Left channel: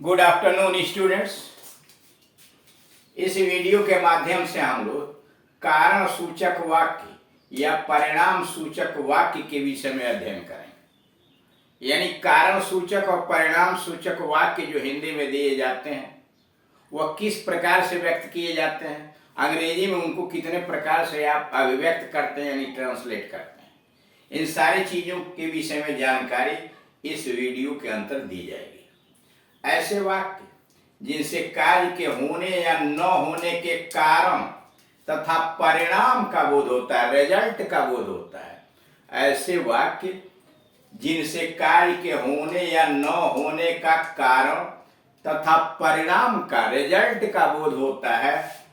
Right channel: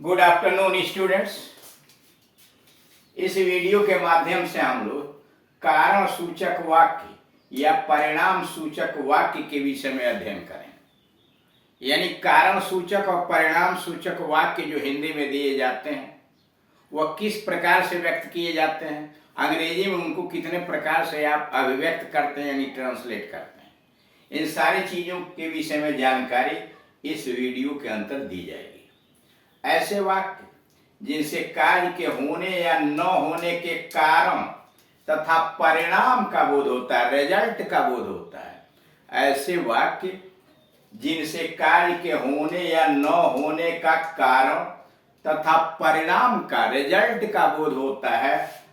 Good afternoon students. इस video के माध्यम से हम लोग कारण सूचक वाक्य या परिणाम सूचक वाक्य के विषय में अध्ययन करेंगे। यानी कारण सूचक और परिणाम सूचक वाक्य जो हिंदी में दिए जाते हैं वह किस प्रकार से व्यक्त किए जाते हैं, अंग्रेजी में उनको कितने प्रकार से आप अभिव्यक्त करते हैं यानी ट्रांसलेट करते हैं, इन सारी चीज़ों के विषय में जानकारी इस वीडियो के अंतर दी जाएगी। ऐसे वाक्य जिनसे कार्य के होने या न होने के कारण तथा परिणाम का बोध होता है, रिजल्ट का बोध होता है, ऐसे वाक्य जिनसे कार्य के होने या न होने का कारण तथा परिणाम का, रिजल्ट का बोध होता है,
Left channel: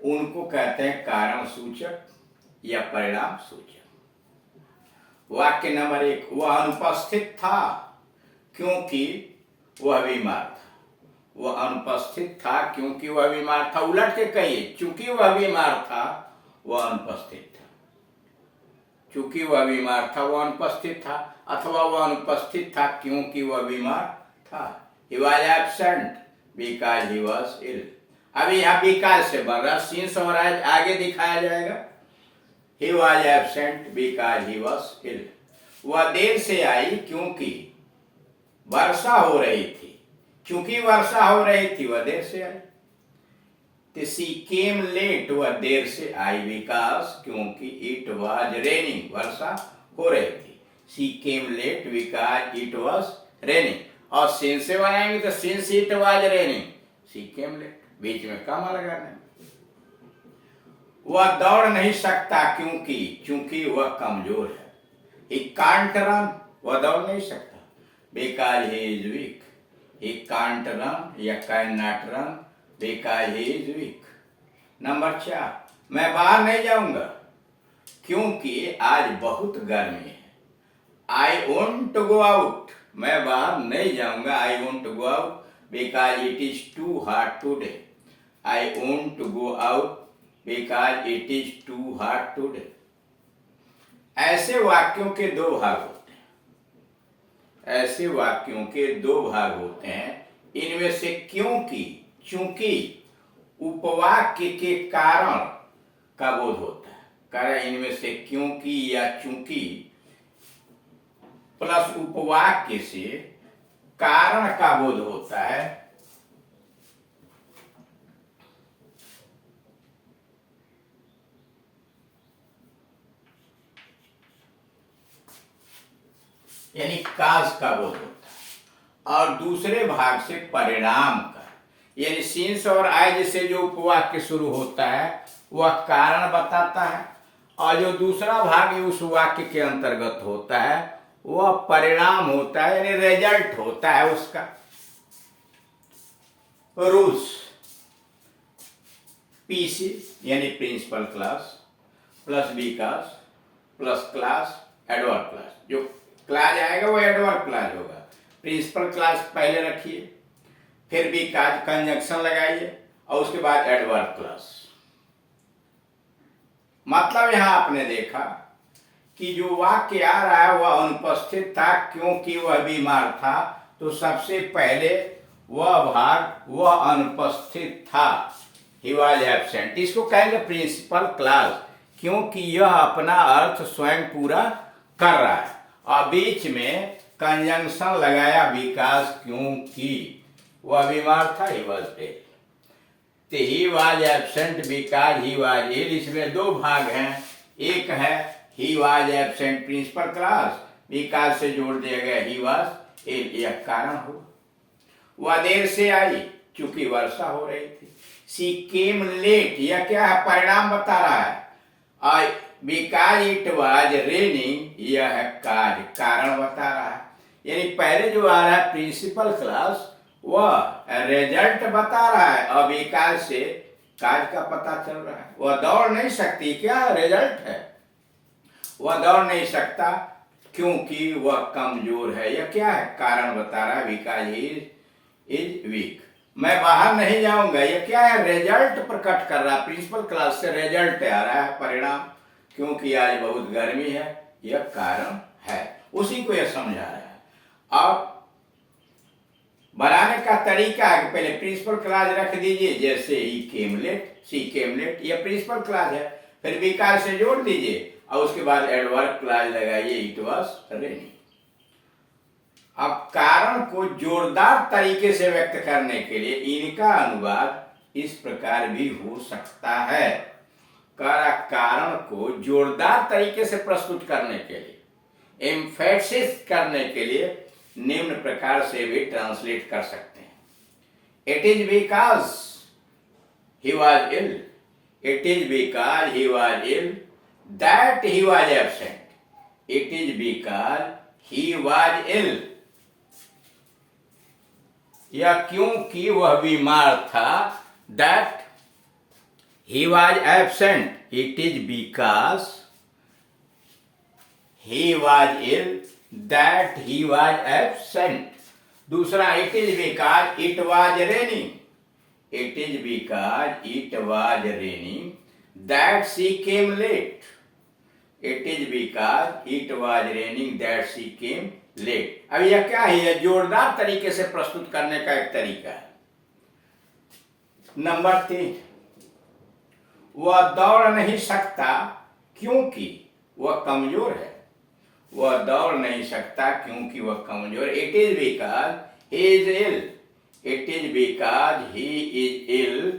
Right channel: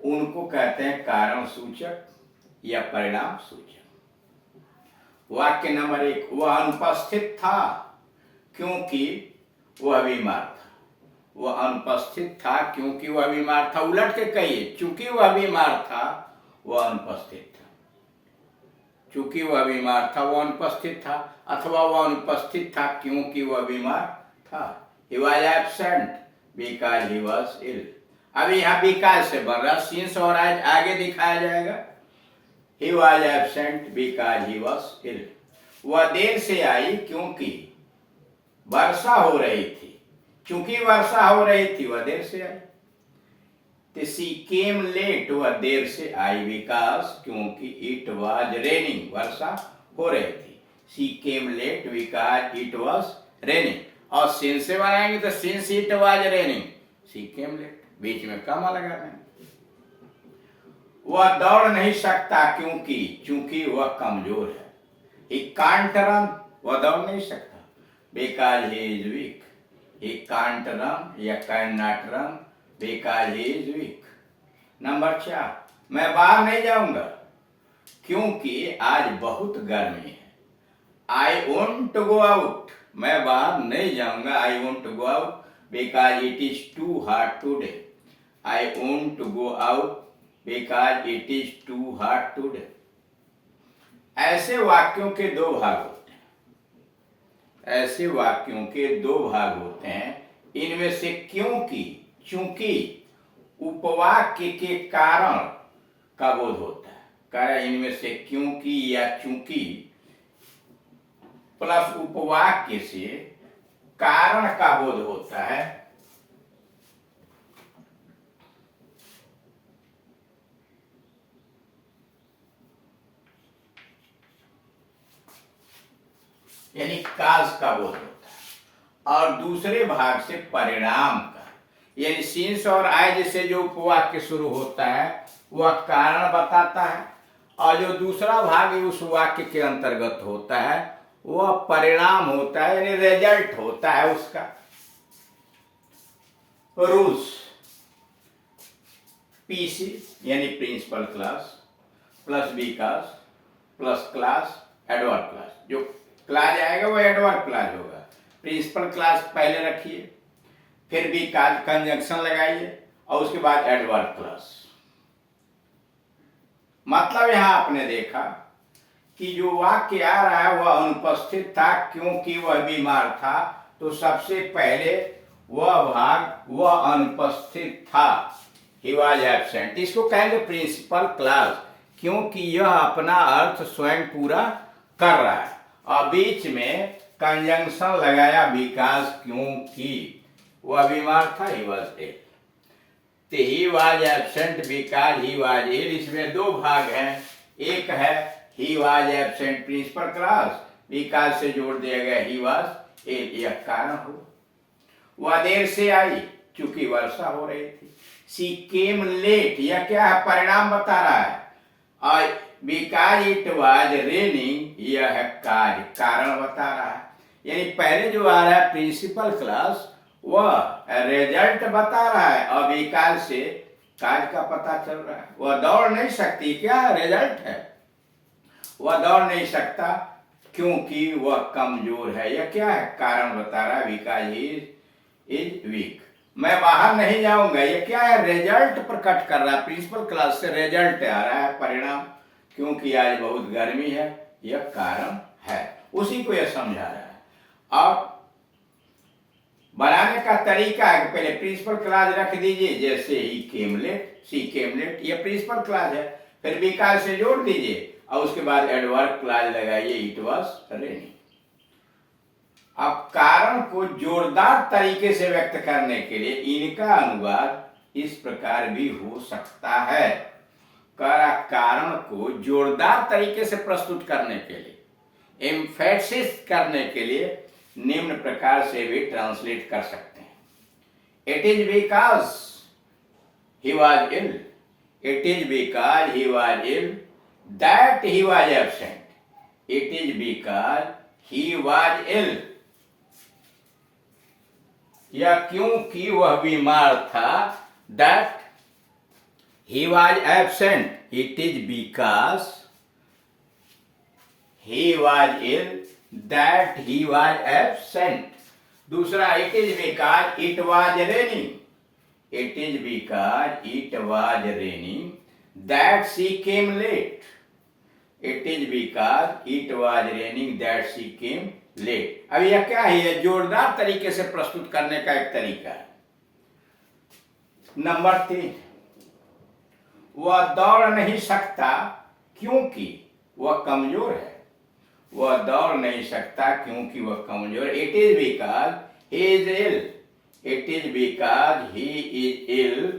उनको कहते हैं कारण सूचक या परिणाम सूचक। वाक्य नंबर 1, वह अनुपस्थित था क्योंकि वह बीमार था। वह अनुपस्थित था क्योंकि वह बीमार था। उलट के कहिए, चूंकि वह बीमार था वह अनुपस्थित था। चूंकि वह बीमार था वह अनुपस्थित था, अथवा वह अनुपस्थित था क्योंकि वह बीमार था। He was absent because he was ill। अभी यहाँ because से बन रहा, since और as आगे दिखाया जाएगा। He was absent because he was ill। वह देर से आई क्योंकि वर्षा हो रही थी। क्योंकि वर्षा हो रही थी वह देर से आई। तो शी केम लेट, वह देर से आई बिकॉज, क्योंकि इट वाज रेनिंग, वर्षा हो रही थी। She came late because it was raining. और सिंस से बनाएंगे तो since it was raining she came late, बीच में कमा लगा देंगे। वह दौड़ नहीं सकता क्योंकि वह कमजोर है। ही कांट रन, वह दौड़ नहीं सकता because he is weak। he can't run या cannot run because he is weak। Number 4, मैं बाहर नहीं जाऊंगा क्योंकि आज बहुत गर्मी है। I want to go out, मैं बाहर नहीं जाऊंगा। I want to go out because it is too hot today। I want to go out because it is too hot today। ऐसे वाक्यों के दो भाग होते हैं। ऐसे वाक्यों के दो भाग होते हैं। इनमें से क्योंकि, चूंकि उपवाक्य के कारण का बोध होता है। कारण इनमें से क्योंकि या चूंकि प्लस उपवाक्य से कारण का बोध होता है। यानी काज का बोध होता है। और दूसरे भाग से परिणाम का, यानी सिंस और आज से जो उपवाक्य शुरू होता है वह कारण बताता है, और जो दूसरा भाग उस वाक्य के अंतर्गत होता है वह परिणाम होता है, यानी रिजल्ट होता है उसका। रूल्स, पीसी यानी principal class plus because plus class adverb class. जो क्लास आएगा वो एडवर्ब क्लास होगा। प्रिंसिपल क्लास पहले रखिए, फिर भी काज कंजंक्शन लगाइए और उसके बाद एडवर्ब क्लास। मतलब यहां आपने देखा कि जो वाक्य आ रहा है वह अनुपस्थित था क्योंकि वह बीमार था, तो सबसे पहले वह भाग वह अनुपस्थित था, ही वॉज एब्सेंट, इसको कहेंगे प्रिंसिपल क्लास, क्योंकि यह अपना अर्थ स्वयं पूरा कर रहा है। और बीच में कंजंक्शन लगाया बिकॉज, क्योंकि वह बीमार था, ही वॉज इल। तो he was absent because he was ill. इसमें दो भाग हैं। एक है he was absent principal class, because से जोड़ दिया गया ही वॉज इल, यह कारण हो। वह देर से आई क्योंकि वर्षा हो रही थी। शी केम लेट, यह क्या है, परिणाम बता रहा है। और बिकॉज इट वाज रेनिंग, यह है कार्य, कारण बता रहा है। यानी पहले जो आ रहा है प्रिंसिपल क्लास वह रिजल्ट बता रहा है, और बिकॉज से कार्य का पता चल रहा है। वह दौड़ नहीं सकती, क्या रिजल्ट है, वह दौड़ नहीं सकता क्योंकि वह कमजोर है, यह क्या है, कारण बता रहा है, बिकॉज ही इज वीक। मैं बाहर नहीं जाऊंगा, यह क्या है, रिजल्ट प्रकट कर रहा है। प्रिंसिपल क्लास से रिजल्ट आ रहा है, परिणाम, क्योंकि आज बहुत गर्मी है, यह कारण है, उसी को यह समझा रहा है। और बनाने का तरीका है कि पहले प्रिंसिपल क्लॉज रख दीजिए, जैसे ही केम लेट, सी केम लेट, ये प्रिंसिपल क्लॉज है। फिर बिकॉज़ से जोड़ दीजिए और उसके बाद एडवर्ब क्लॉज लगाइए, इट वाज रेनिंग। अब कारण को जोरदार तरीके से व्यक्त करने के लिए इनका अनुवाद इस प्रकार भी हो सकता है। कारण को जोरदार तरीके से प्रस्तुत करने के लिए, एम्फेसिस करने के लिए निम्न प्रकार से भी ट्रांसलेट कर सकते हैं। It is because he was ill, it is because he was ill that he was absent, it is because he was ill, या क्योंकि वह बीमार था, that he was absent, it is because he was ill that he was absent। दूसरा, it is because it was raining, it is because it was raining that she came late, it is because it was raining that she came late। अब यह क्या है? जोरदार तरीके से प्रस्तुत करने का एक तरीका है। नंबर 3, वह दौड़ नहीं सकता क्योंकि वह कमजोर है, वह दौड़ नहीं सकता क्योंकि वह कमजोर है। It is because he is ill, it is because he is ill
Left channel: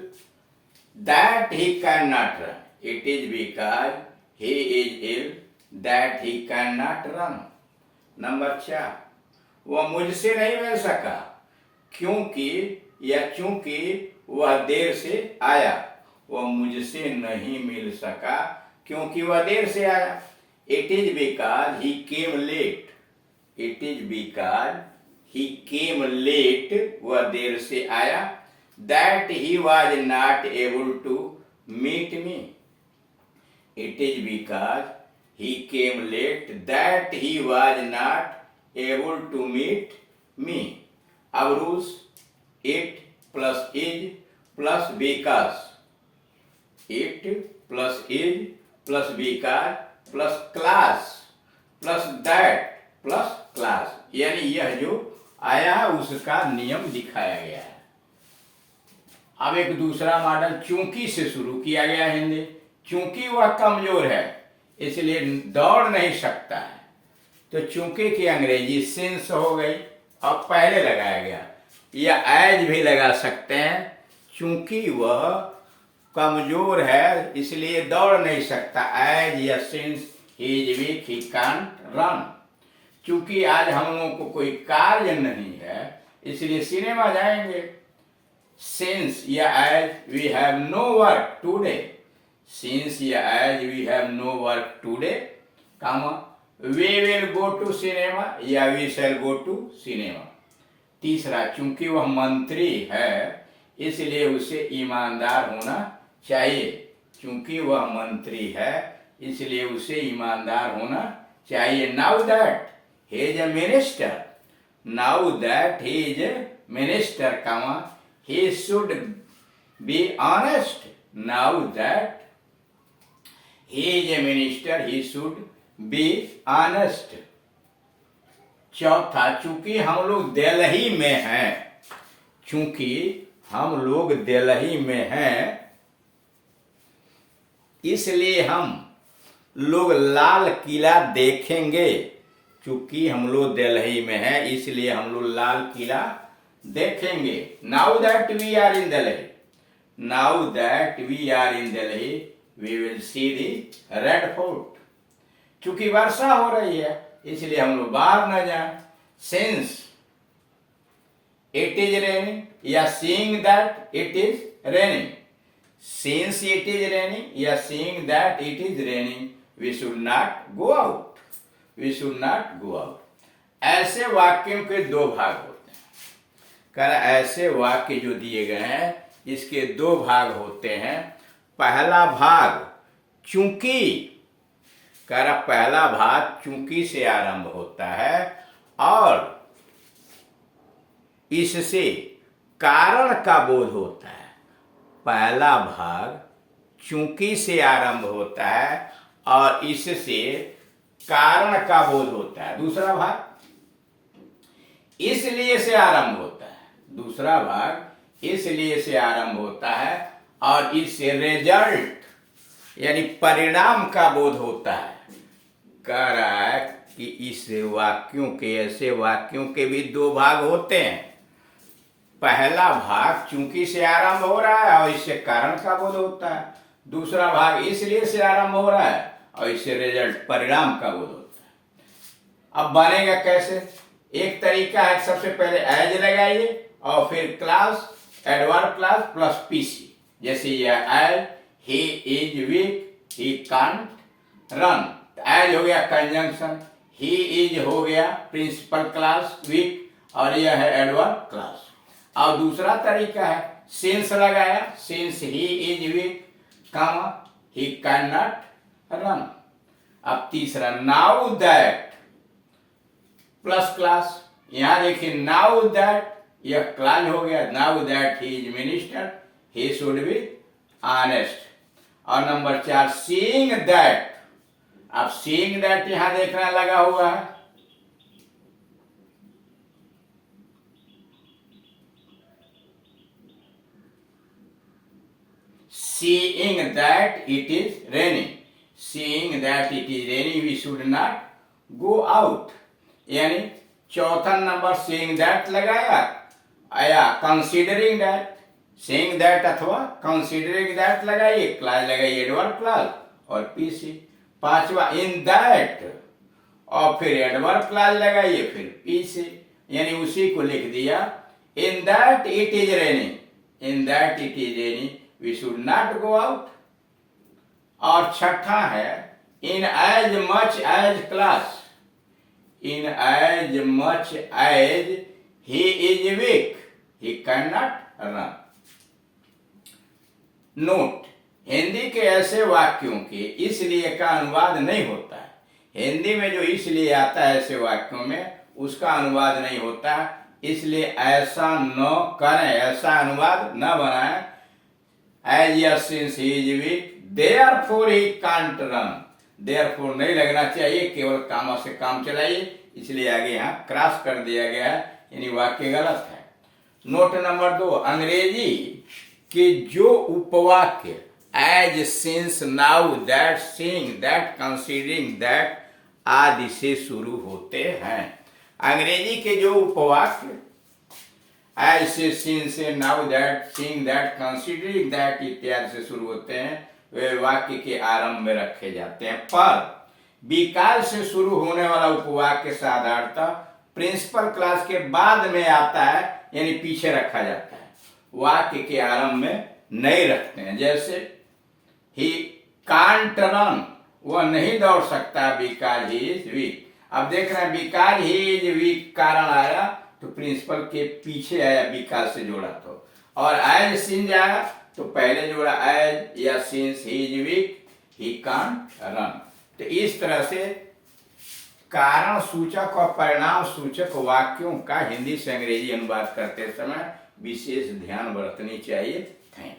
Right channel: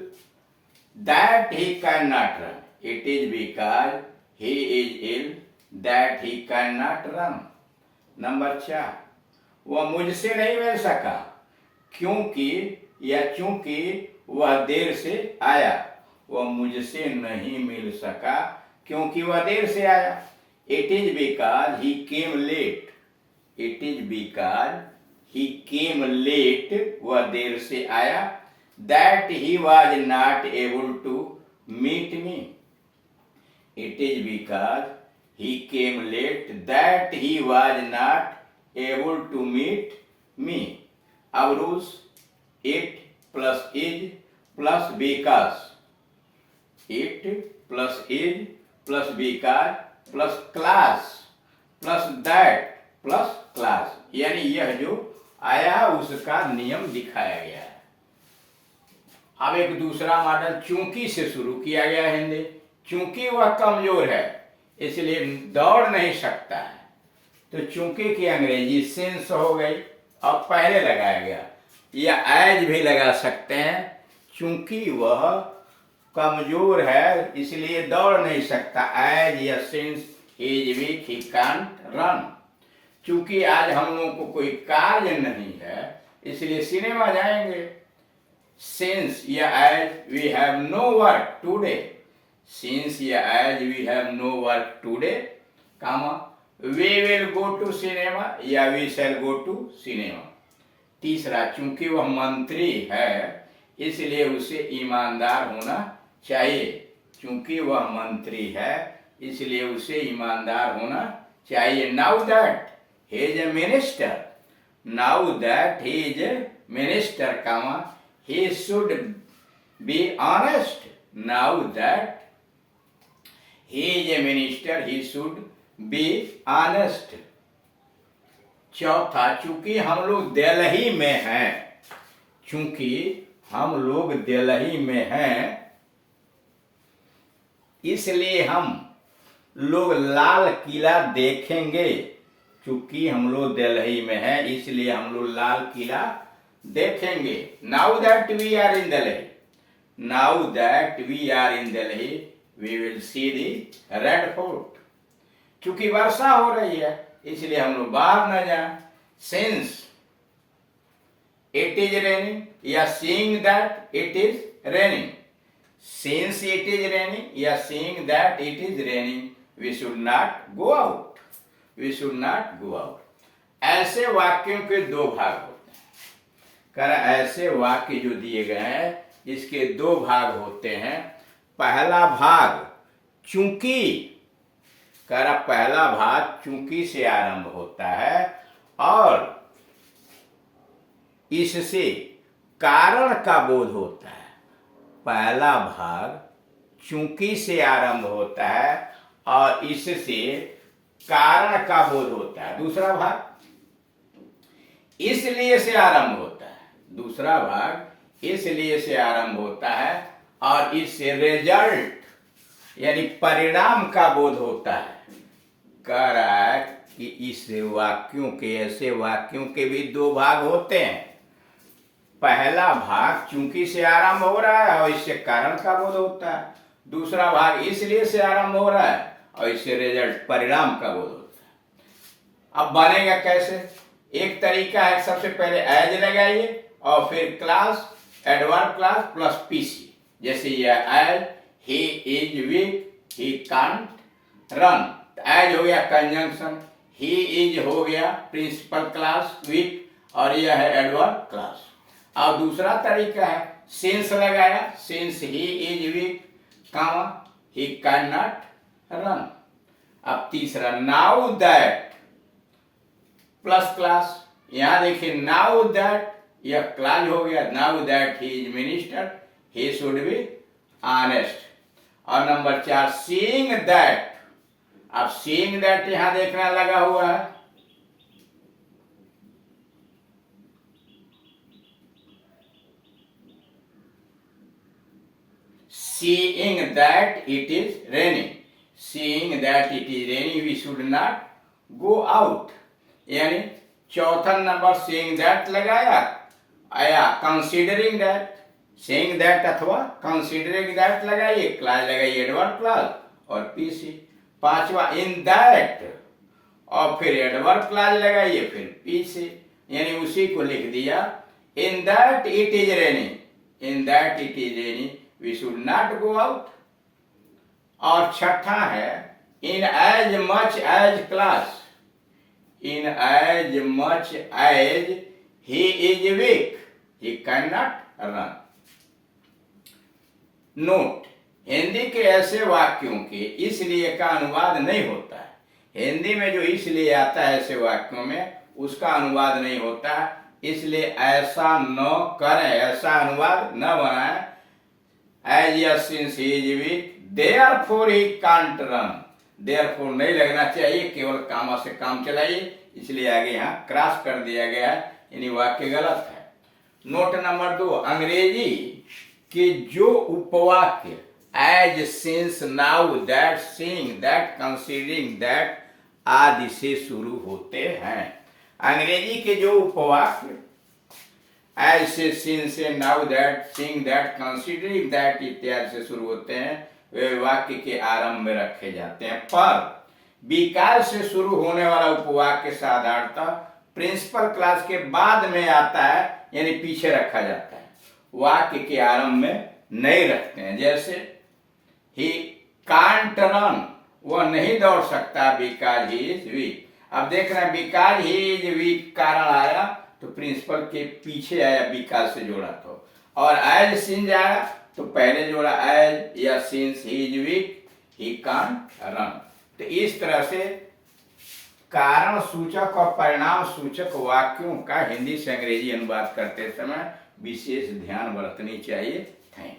that he can not run, it is because he is ill that he can not run. Number 4, वह मुझसे नहीं मिल सका क्योंकि या चूंकि वह देर से आया, वह मुझसे नहीं मिल सका क्योंकि वह देर से आया। It is because he came late, it is because he came late, वह देर से आया। That he was not able to meet me, it is because he came late that he was not able to meet me. अब rules, it plus is plus because, it plus is plus because plus class plus that plus class, यानी यह जो आया उसका नियम दिखाया गया है। अब एक दूसरा मॉडल चूंकि से शुरू किया गया है हिंदी। चूंकि वह कमजोर है इसलिए दौड़ नहीं सकता है, तो चूंकि की अंग्रेजी सिंस हो गई, अब पहले लगाया गया, या एज भी लगा सकते हैं। चूंकि वह कमजोर है इसलिए दौड़ नहीं सकता, एज या since is weak he can't run. चूंकि आज हम लोगों को कोई कार्य नहीं है इसलिए सिनेमा जाएंगे। सिंस या as we have no work today, since या as we have no work today, comma we will go to cinema या we shall go to cinema. तीसरा, चूंकि वह मंत्री है इसलिए उसे ईमानदार होना चाहिए, चूंकि वह मंत्री है इसलिए उसे ईमानदार होना चाहिए। Now that he is a minister, now that he is a minister, comma he should be honest, now that he is a minister he should be honest. चौथा, चूंकि हम लोग दिल्ली में हैं, चूंकि हम लोग दिल्ली में हैं इसलिए हम लोग लाल किला देखेंगे, चूंकि हम लोग दिल्ली में हैं इसलिए हम लोग लाल किला देखेंगे। Now that we are in Delhi, now that we are in Delhi we will see the Red Fort. चूंकि वर्षा हो रही है इसलिए हम लोग बाहर न जाएं। सिंस इट इज रेनिंग या seeing that it is raining, since it is raining या seeing that it is raining we should not go out, we should not go out. ऐसे वाक्यों के दो भाग होते हैं। कर ऐसे वाक्य जो दिए गए हैं इसके दो भाग होते हैं। पहला भाग चूंकि, कर पहला भाग चूंकि से आरंभ होता है और इससे कारण का बोध होता है। पहला भाग चूंकि से आरंभ होता है और इससे कारण का बोध होता है। दूसरा भाग इसलिए से आरंभ होता है दूसरा भाग इसलिए से आरंभ होता है और इससे रिजल्ट यानी परिणाम का बोध होता है। कह रहा है कि इस वाक्यों के, ऐसे वाक्यों के भी दो भाग होते हैं। पहला भाग चूंकि से आरंभ हो रहा है और इससे कारण का बोध होता है। दूसरा भाग इसलिए से आरंभ हो रहा है और इससे रिजल्ट परिणाम का बोध होता है। अब बनेगा कैसे? एक तरीका है, सबसे पहले एज लगाइए और फिर class, adverb class plus PC. जैसे यह as, he is weak, he can't run, as हो गया कंजंक्शन, ही इज हो गया प्रिंसिपल क्लास वीक और यह है एडवर्ब क्लास। और दूसरा तरीका है सिंस लगाया, since he is weak comma he can not run. अब तीसरा नाउ दैट प्लस क्लास, यहां देखिए नाउ दैट यह क्लास हो गया, now that he is minister he should be honest. और नंबर 4 सीइंग दैट, अब सीइंग दैट यहां देखना लगा हुआ है, seeing that it is raining, seeing that it is raining we should not go out। यानी चौथा नंबर seeing that लगाया, आया considering that, seeing that अथवा considering that लगाइए, क्लास लगाइए एडवर्ब क्लास और पीसी। पांचवा in that और फिर एडवर्ब क्लास लगाइए फिर पीसी, यानी उसी को लिख दिया in that it is raining, in that it is raining we should not go out। और छठा है in as much as class, in as much as he is weak he cannot run। Note, Hindi के ऐसे वाक्यों के इसलिए का अनुवाद नहीं होता है। हिंदी में जो इसलिए आता है ऐसे वाक्यों में, उसका अनुवाद नहीं होता, इसलिए ऐसा न करें, ऐसा अनुवाद न बनाएं। As yes since he is weak, therefore he can't run, therefore नहीं लगना चाहिए, केवल कामा से काम चलाइए, इसलिए आगे यहाँ क्रॉस कर दिया गया है, यानी वाक्य गलत है। नोट नंबर 2, अंग्रेजी के जो उपवाक्य as since now that seeing that considering that आदि से शुरू होते हैं, अंग्रेजी के जो उपवाक्य as से, since से, now that, seeing that, considering that इत्यादि से शुरू होते हैं, वे वाक्य के आरंभ में रखे जाते हैं। पर विकास से शुरू होने वाला उपवाक्य साधारणतः प्रिंसिपल क्लास के बाद में आता है, यानी पीछे रखा जाता है, वाक्य के आरंभ में नहीं रखते हैं। जैसे ही कांट रन, वह नहीं दौड़ सकता बिकॉज ही इज वीक। अब देख रहे हैं बिकॉज ही इज वीक कारण आया तो प्रिंसिपल के पीछे आया, बिकॉज से जोड़ा तो, और एज सिंस आया तो पहले जोड़ा एज या since he is weak he can't run. तो इस तरह से कारण सूचक और परिणाम सूचक वाक्यों का हिंदी से अंग्रेजी अनुवाद करते समय विशेष ध्यान बरतनी चाहिए। Thank you.